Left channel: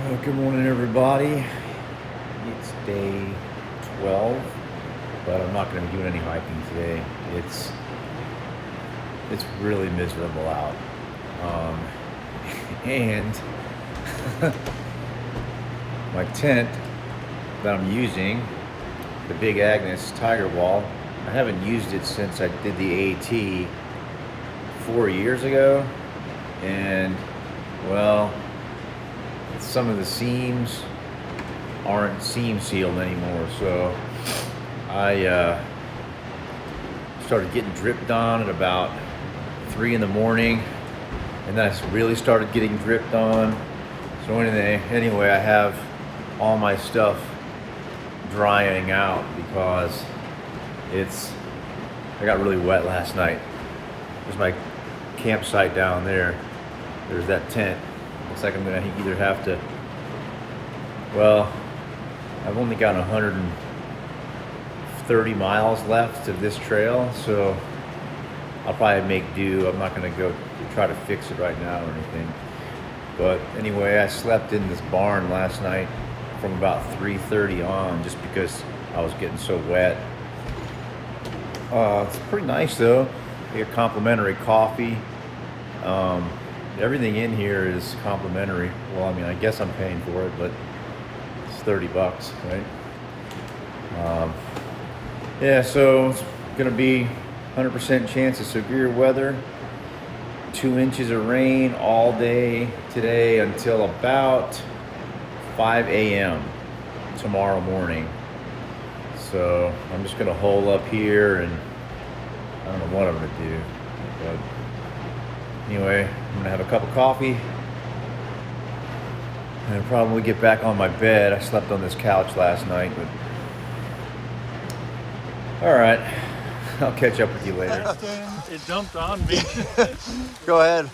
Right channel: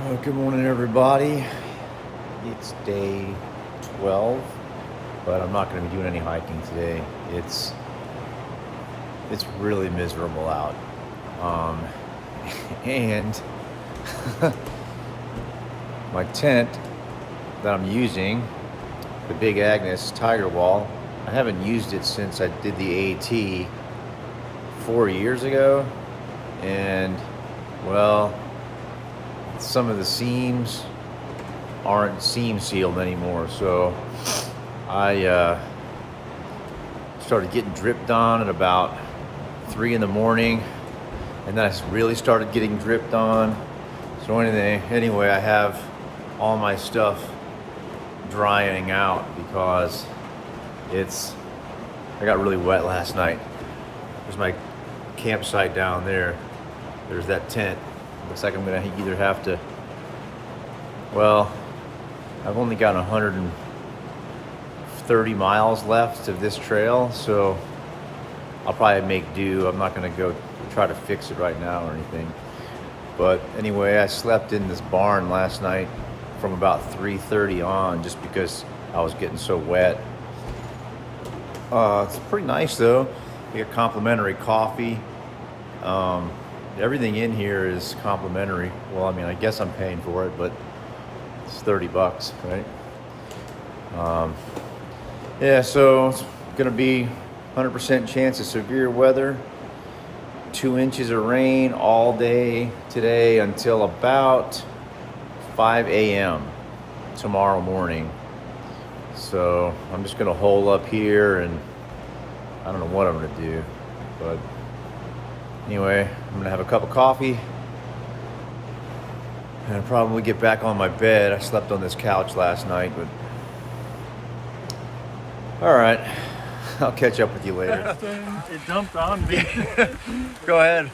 Good morning, everybody. It's day 12, but I'm not going to be doing any hiking today. It's really miserable out, and my tent that I'm using, the Big Agnes Tiger Wall, I haven't used it since I did the AT 4 years ago, and well, some of the seams aren't seam sealed anymore, so I started getting dripped on at about 3 in the morning, and then I really started getting dripped on. So anyway, I have all my stuff drying out because I got really wet last night. There's my campsite down there. There's that tent. Looks like I'm gonna either have to, well, I've only got 130 miles left of this trail, so I'll probably make do. I'm not gonna go try to fix it right now or anything. But anyway, I slept in this barn last night from about 3:30 on, just because I was getting so wet. It's pretty nice though. We get complimentary coffee. Everything in here is complimentary. Well, I mean, I guess I'm paying for it, but it's $30, right? Yeah, so it's gonna be 100% chance of severe weather, 2 inches of rain all day today until about 5 a.m. tomorrow morning. So I'm just gonna hole up here, and I don't know what I'm gonna do, but anyway, I'm gonna have a cup of coffee and probably get back on my bed. I slept on this couch last night, but all right, I'll catch up with you later. That thing, it dumped on me. Go ahead.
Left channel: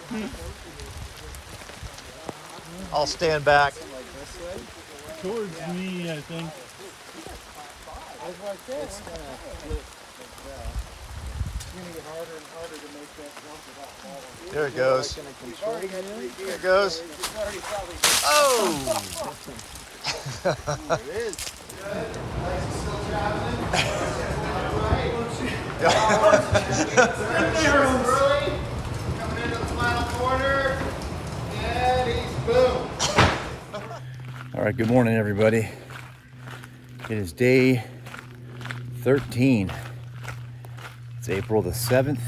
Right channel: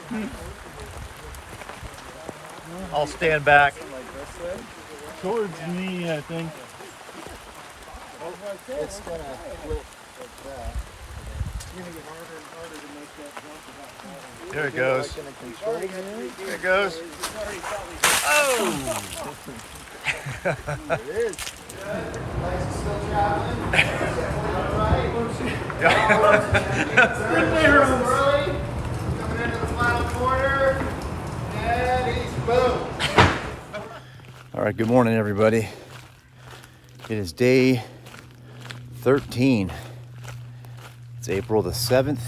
I'll stand back. Towards me, I think. There it goes. There it goes. Oh! Coming into the final corner, and he's boom. All right, good morning, everybody. It is day 13. It's April the 7th.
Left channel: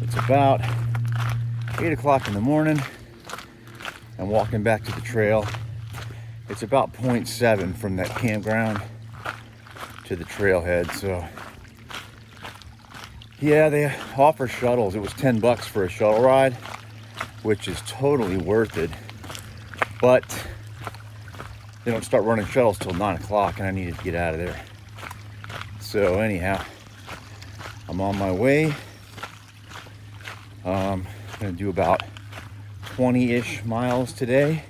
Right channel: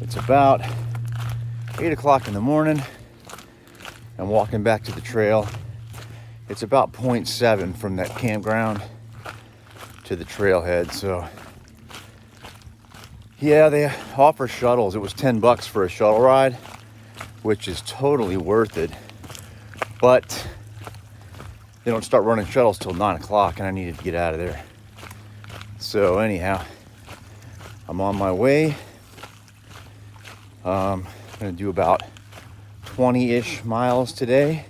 It's about 8 o'clock in the morning. I'm walking back to the trail. It's about 0.7 from that campground to the trailhead. So yeah, they offer shuttles. It was $10 for a shuttle ride, which is totally worth it. But they don't start running shuttles till 9 o'clock, and I needed to get out of there. So anyhow, I'm on my way. I'm gonna do about 20-ish miles today.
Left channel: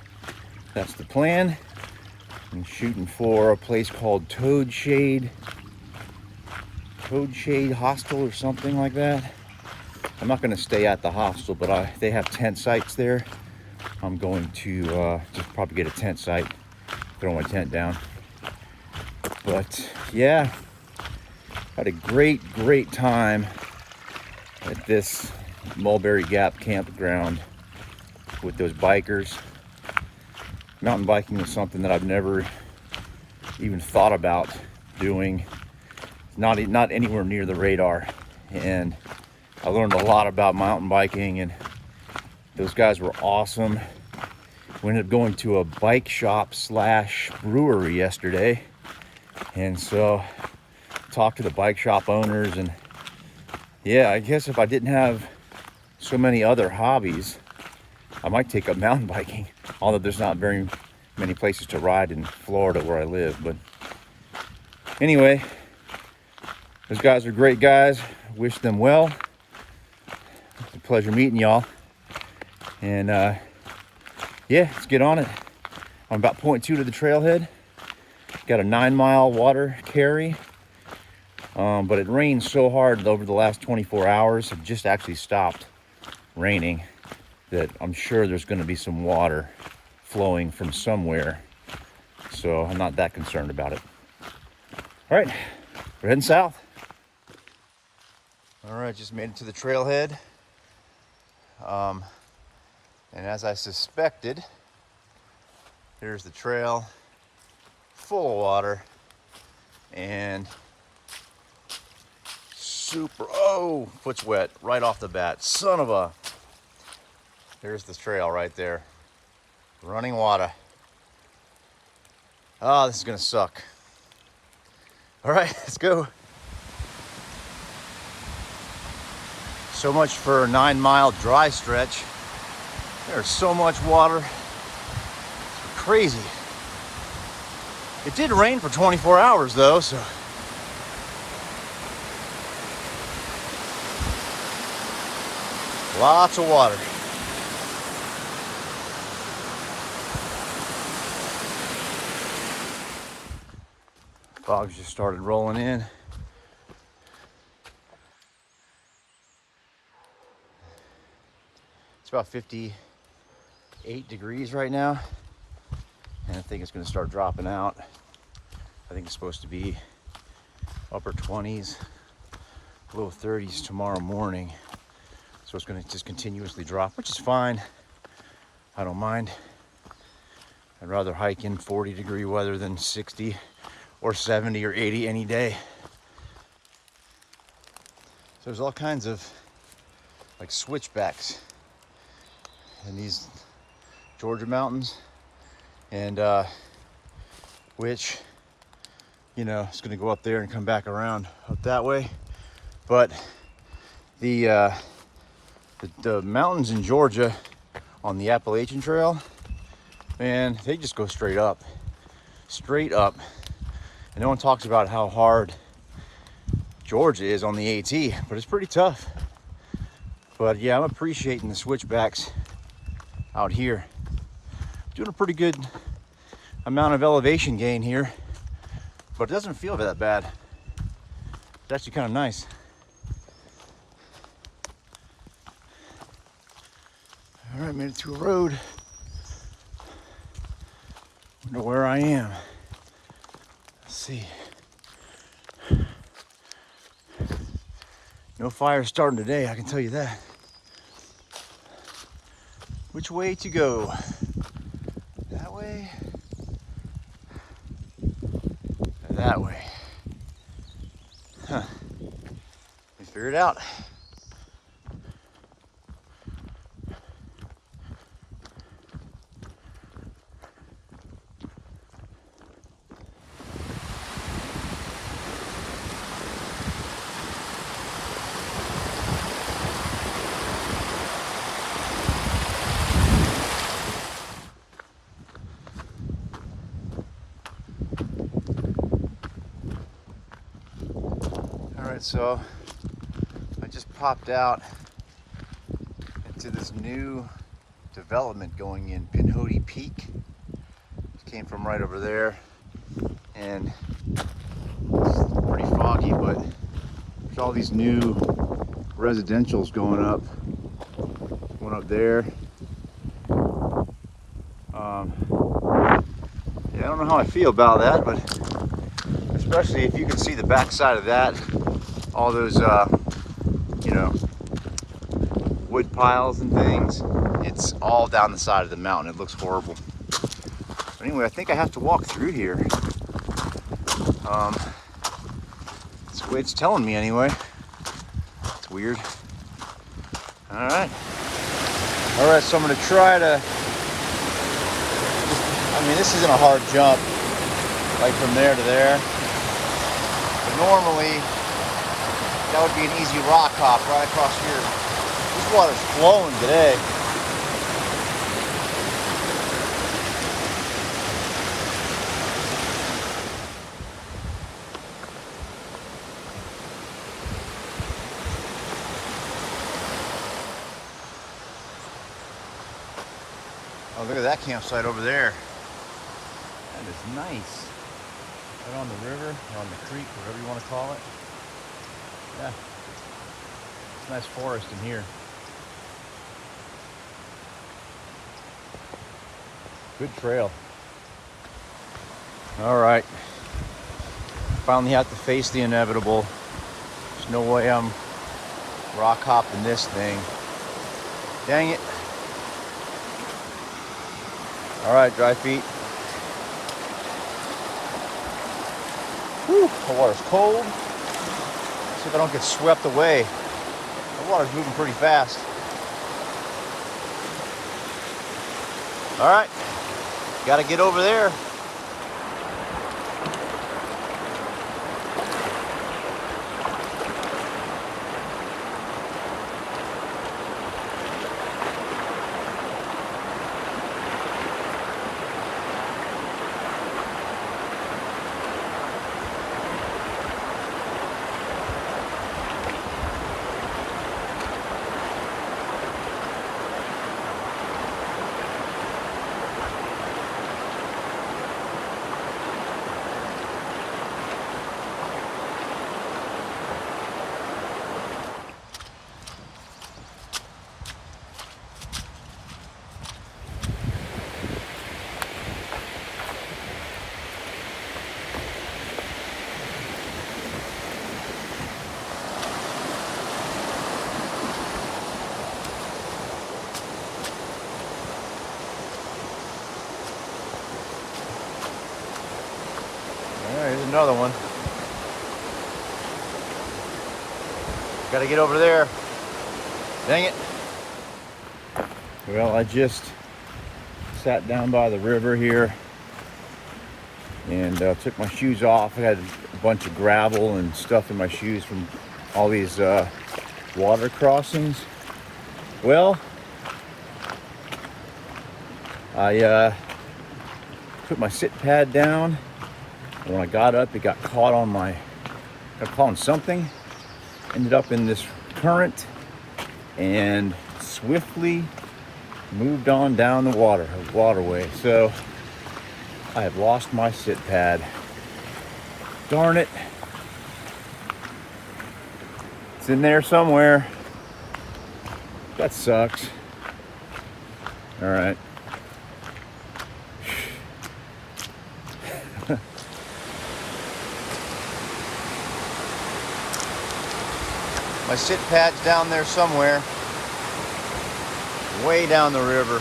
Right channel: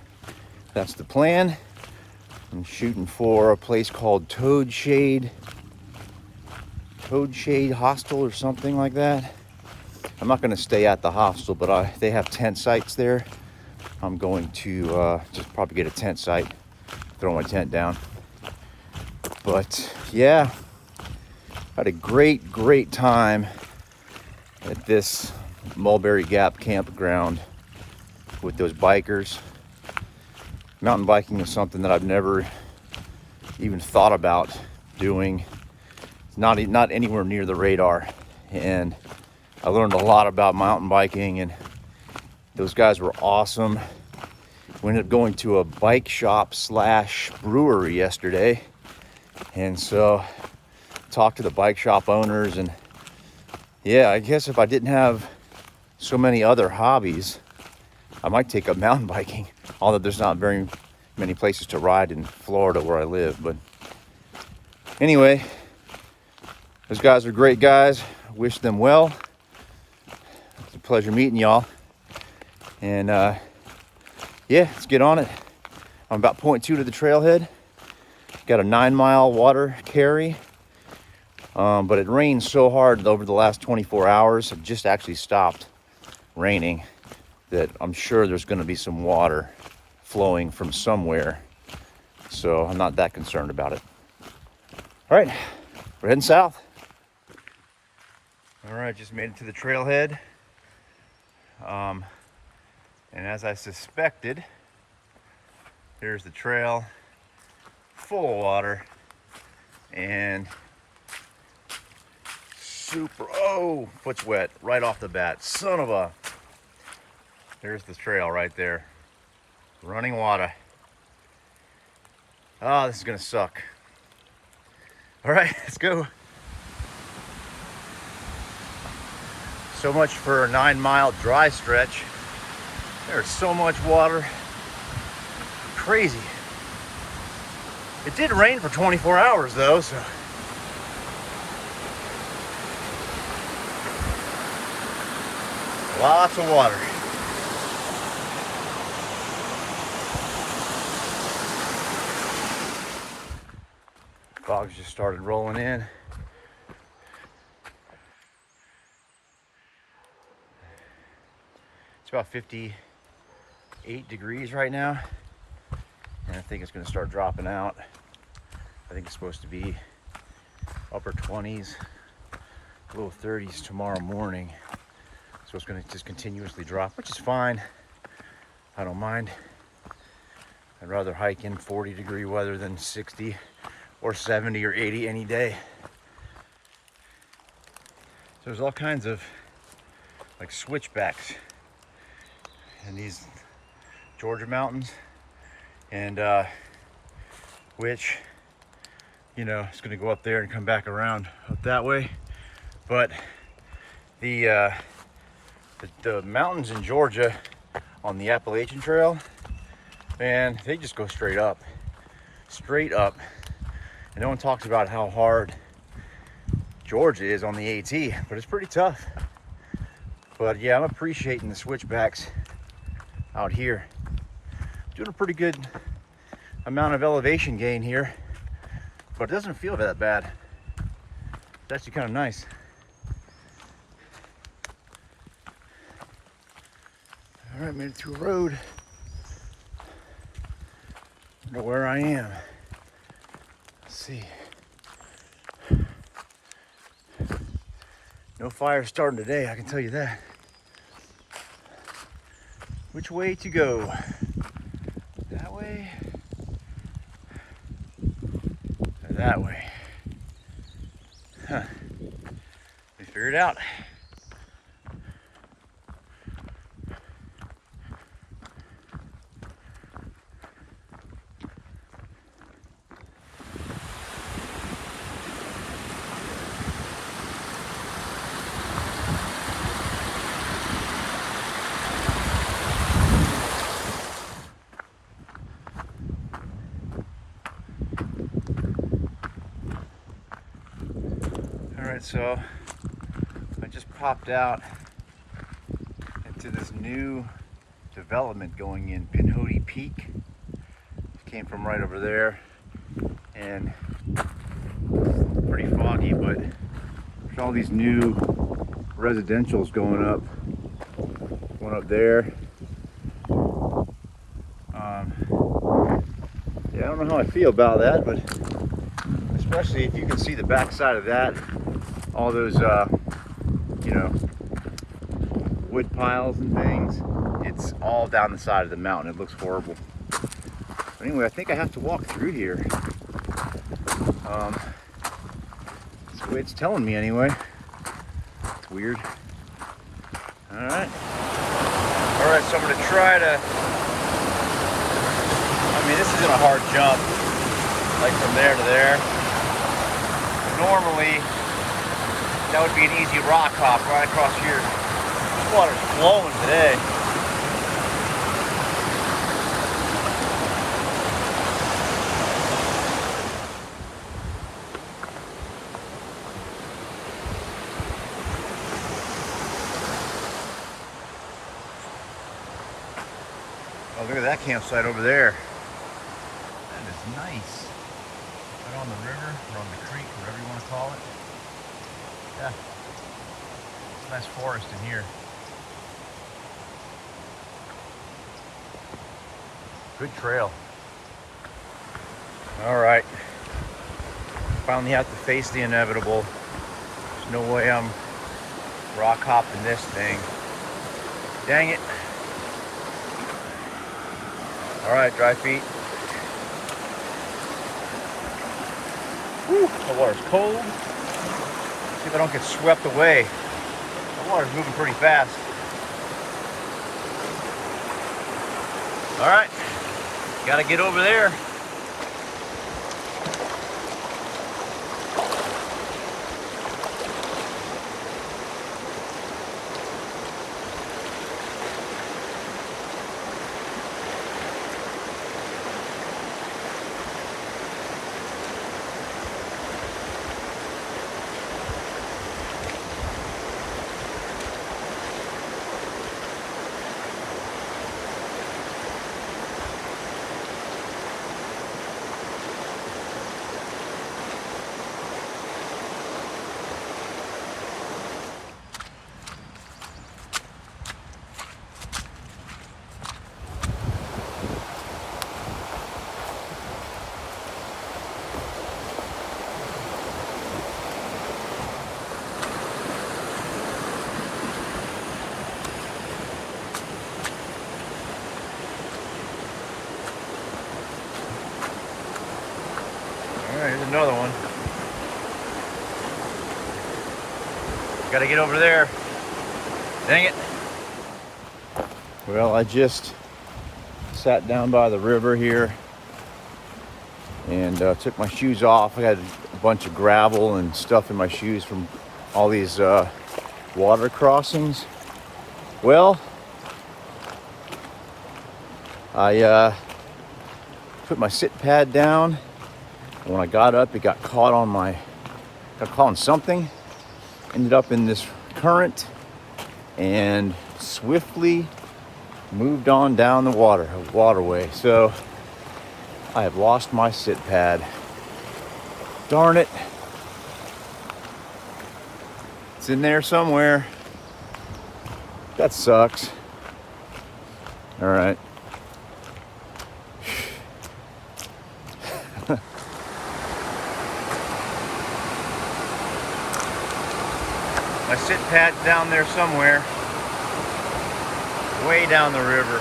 That's the plan. I'm shooting for a place called Toad Shade Hostel or something like that. I'm not gonna stay at the hostel, but they have tent sites there. I'm going to just probably get a tent site, throw my tent down. But yeah, had a great time at this Mulberry Gap campground with those bikers. Mountain biking is something that I've never even thought about doing. It's not anywhere near the radar, and I learned a lot about mountain biking, and those guys were awesome. We ended up going to a bike shop / brewery yesterday, and so talked to the bike shop owners. And yeah, I guess if I didn't have so many other hobbies, I might take up mountain biking, although there's not very many places to ride in Florida where I live. But anyway, those guys are great guys. Wish them well. It's a pleasure meeting y'all. And yeah, let's get on it. I'm about 0.2 to the trailhead. Got a 9-mile water carry. But it rained so hard over the last 24 hours. It just actually stopped raining, that I'm sure there's going to be some water flowing from somewhere. So I'm not that concerned about it. All right, we're heading south. All right, just made it to the trailhead. And as I suspected, here's the trail, full of water, and super, oh, foot's wet right off the bat. Son of a, there's the trail right there. Running water. Oh, this is gonna suck. All right, let's go. So much for a 9-mile dry stretch. There's so much water. Crazy. It did rain for 24 hours though, so. Lots of water. Fogs just started rolling in. It's about 58 degrees right now, and I think it's going to start dropping out. I think it's supposed to be upper 20s, low 30s tomorrow morning. So it's going to just continuously drop, which is fine. I don't mind. I'd rather hike in 40-degree weather than 60 or 70 or 80 any day. So there's all kinds of like switchbacks in these Georgia mountains, and which, you know, it's going to go up there and come back around up that way. But the mountains in Georgia on the Appalachian Trail, man, they just go straight up. And no one talks about how hard Georgia is on the AT, but it's pretty tough. But yeah, I'm appreciating the switchbacks out here. Doing a pretty good amount of elevation gain here, but it doesn't feel that bad. It's actually kind of nice. All right, made it through a road. I don't know where I am. Let's see. No fire starting today, I can tell you that. Which way to go? That way? That way. Huh. We figured it out. So I just popped out into this new development going in Pinhoti Peak. It came from right over there, and it's pretty foggy, but there's all these new residentials going up. One up there. Yeah, I don't know how I feel about that, but especially if you can see the backside of that. All those, you know, wood piles and things. It's all down the side of the mountain. It looks horrible. But anyway, I think I have to walk through here. That's the way it's telling me anyway. It's weird. All right. All right, so I'm gonna try to, I mean, this isn't a hard jump, like from there to there. Normally, that would be an easy rock hop right across here. This water's flowing today. Oh, look at that campsite over there. That is nice. Right on the river, or on the creek, whatever you want to call it. Yeah, it's a nice forest in here. Good trail. All right. Finally have to face the inevitable. There's no way I'm rock hopping this thing. Dang it. All right, dry feet. Whew, the water's cold. See if I don't get swept away. The water's moving pretty fast. All right, gotta get over there. There's another one. Gotta get over there. Dang it. Well, I just sat down by the river here and took my shoes off. I had a bunch of gravel and stuff in my shoes from all these water crossings. Well, I put my sit pad down. When I got up, it got caught on something. Ended up in this current and swiftly moved on down the waterway. So I have lost my sit pad. Darn it. It's in there somewhere. That sucks. All right. My sit pad's down there somewhere, way down the river.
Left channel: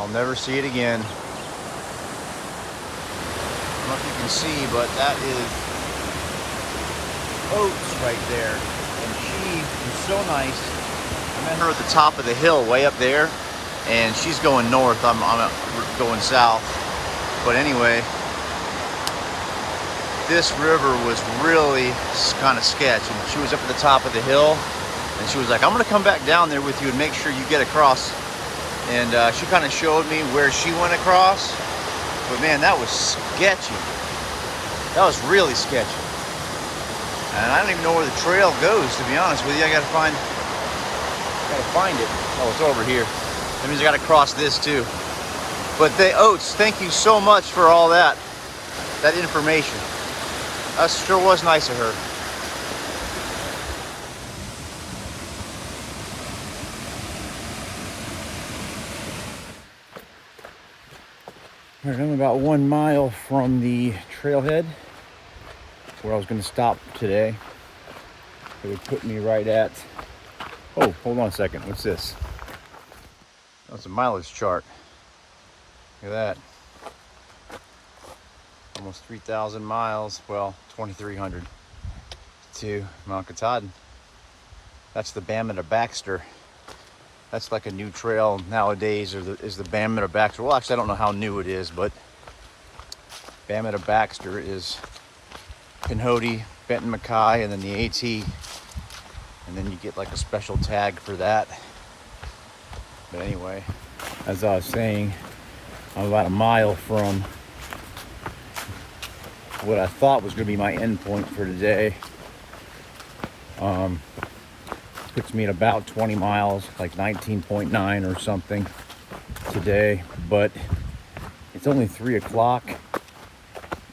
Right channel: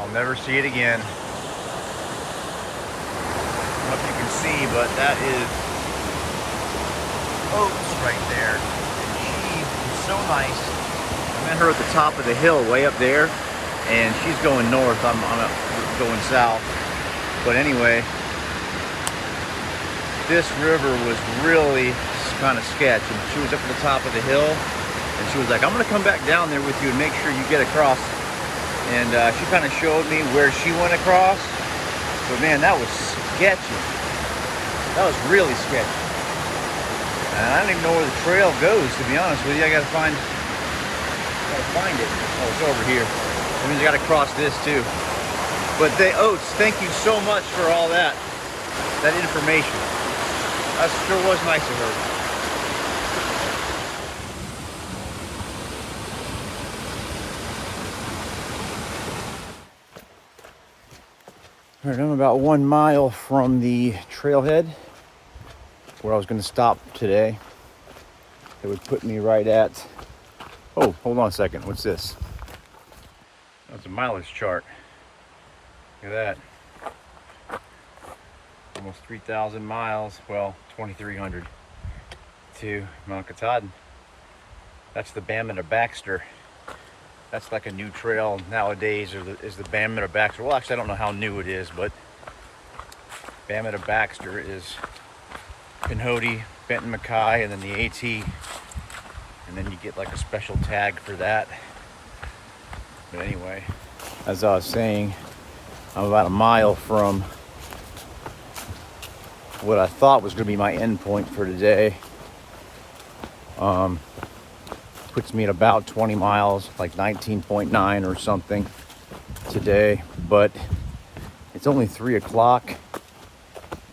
I'll never see it again. I don't know if you can see, but that is Oats right there. And she is so nice. I met her at the top of the hill, way up there, and she's going north. I'm going south. But anyway, this river was really kind of sketch. And she was up at the top of the hill, and she was like, I'm gonna come back down there with you and make sure you get across. And she kind of showed me where she went across. But man, that was sketchy. That was really sketchy. And I don't even know where the trail goes, to be honest with you. I gotta find it. Oh, it's over here. That means I gotta cross this too. But the Oats, thank you so much for all that information. That sure was nice of her. All right, I'm about 1 mile from the trailhead where I was going to stop today. It would put me right at, oh, hold on a second. What's this? That's a mileage chart. Look at that. Almost 3,000 miles. Well, 2,300 to Mount Katahdin. That's the Bama to Baxter. That's like a new trail nowadays, is the Bama to Baxter. Well, actually, I don't know how new it is, but Bama to Baxter is Pinhoti, Benton Mackay, and then the AT. And then you get like a special tag for that. But anyway, as I was saying, I'm about a mile from what I thought was going to be my end point for today. Puts me at about 20 miles, like 19.9 or something today. But it's only 3 o'clock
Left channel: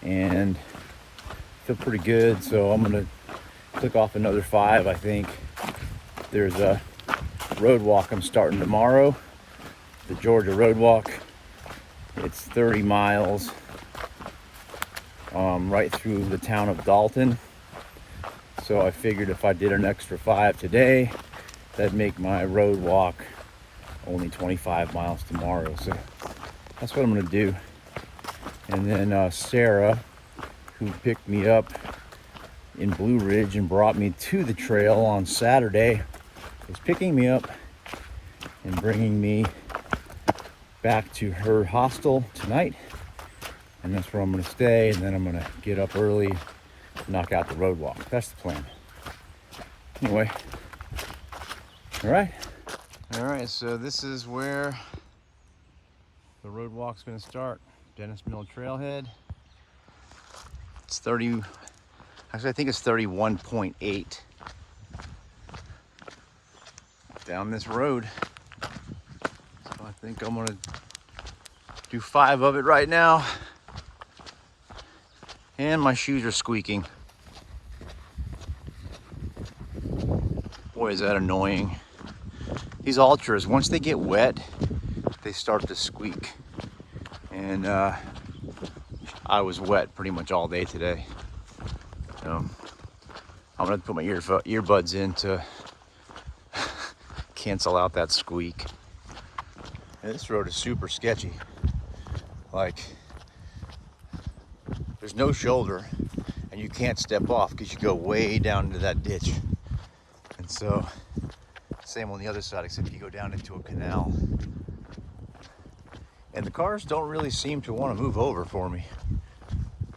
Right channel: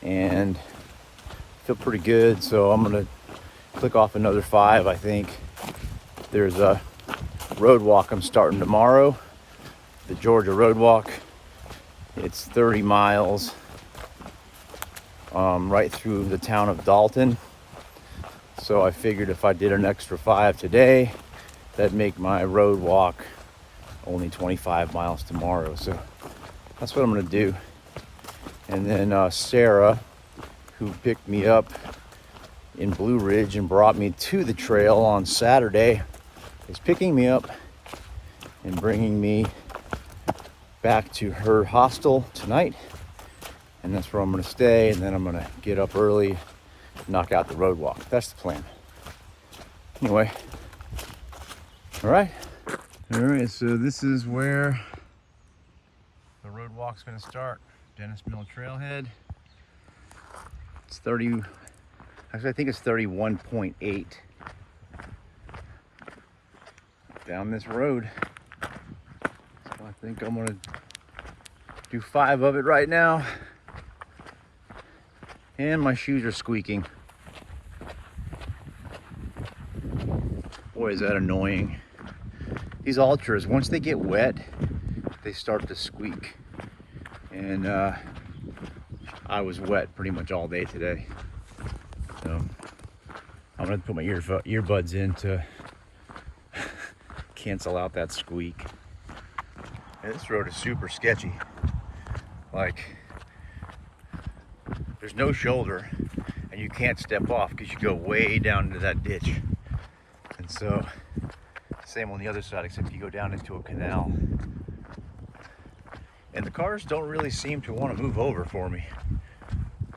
and I feel pretty good. So I'm going to click off another 5, I think. There's a road walk I'm starting tomorrow, the Georgia road walk. It's 30 miles right through the town of Dalton. So I figured if I did an extra 5 today, that'd make my road walk only 25 miles tomorrow. So that's what I'm gonna do. And then Sarah, who picked me up in Blue Ridge and brought me to the trail on Saturday, is picking me up and bringing me back to her hostel tonight. And that's where I'm gonna stay, and then I'm gonna get up early, knock out the road walk. That's the plan. Anyway, all right, so this is where the road walk's gonna start. Dennis Mill Trailhead. It's 30, actually I think it's 31.8 down this road. So I think I'm gonna do 5 of it right now. And my shoes are squeaking. Boy, is that annoying. These ultras, once they get wet, they start to squeak. And I was wet pretty much all day today. So I'm gonna put my earbuds in to cancel out that squeak. Yeah, this road is super sketchy. Like, there's no shoulder and you can't step off because you go way down into that ditch. And so, same on the other side, except you go down into a canal. And the cars don't really seem to want to move over for me.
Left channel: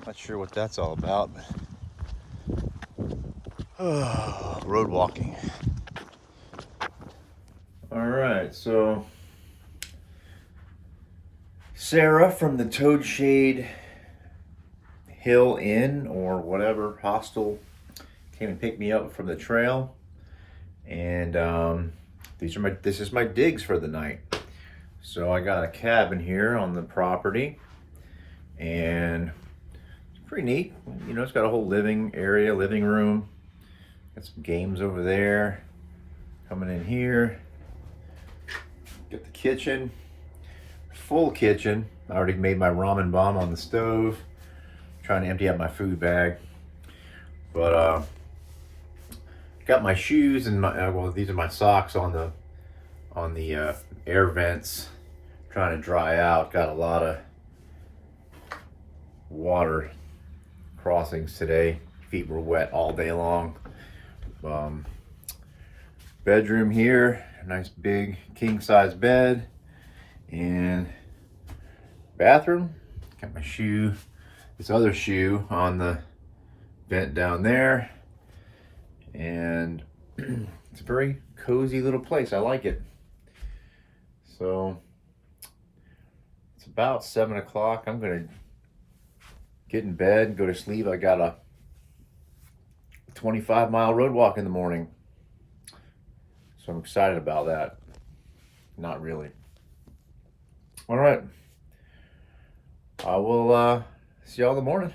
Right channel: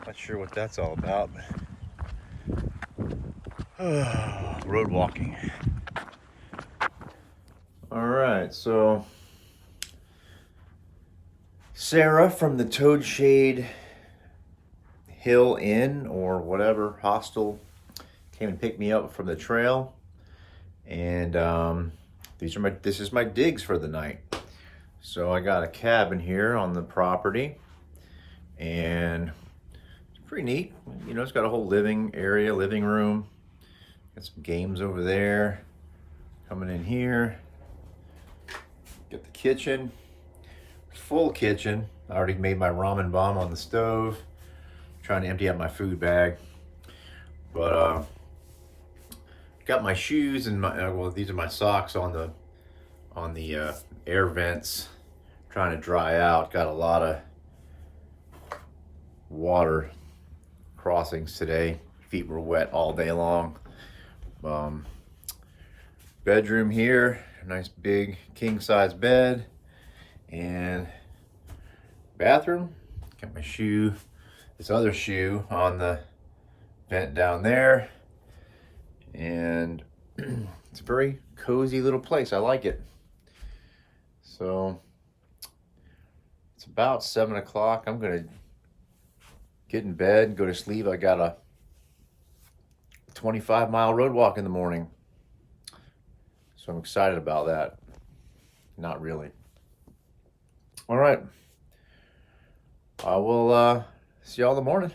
Not sure what that's all about. Road walking. All right, so Sarah from the Toad Shade Hill Inn or whatever hostel came and picked me up from the trail, and this is my digs for the night. So I got a cabin here on the property, and it's pretty neat. You know, it's got a whole living area, living room. Got some games over there. Coming in here, got the kitchen, full kitchen. I already made my ramen bomb on the stove. Trying to empty out my food bag, but got my shoes and my well, these are my socks on the air vents, trying to dry out. Got a lot of water crossings today. Feet were wet all day long. Bedroom here, nice big king size bed, and bathroom. Got my shoe. This other shoe on the vent down there, and it's a very cozy little place. I like it. So it's about 7 o'clock. I'm gonna get in bed, go to sleep. I got a 25-mile road walk in the morning, so I'm excited about that. Not really. All right, I will see y'all in the morning.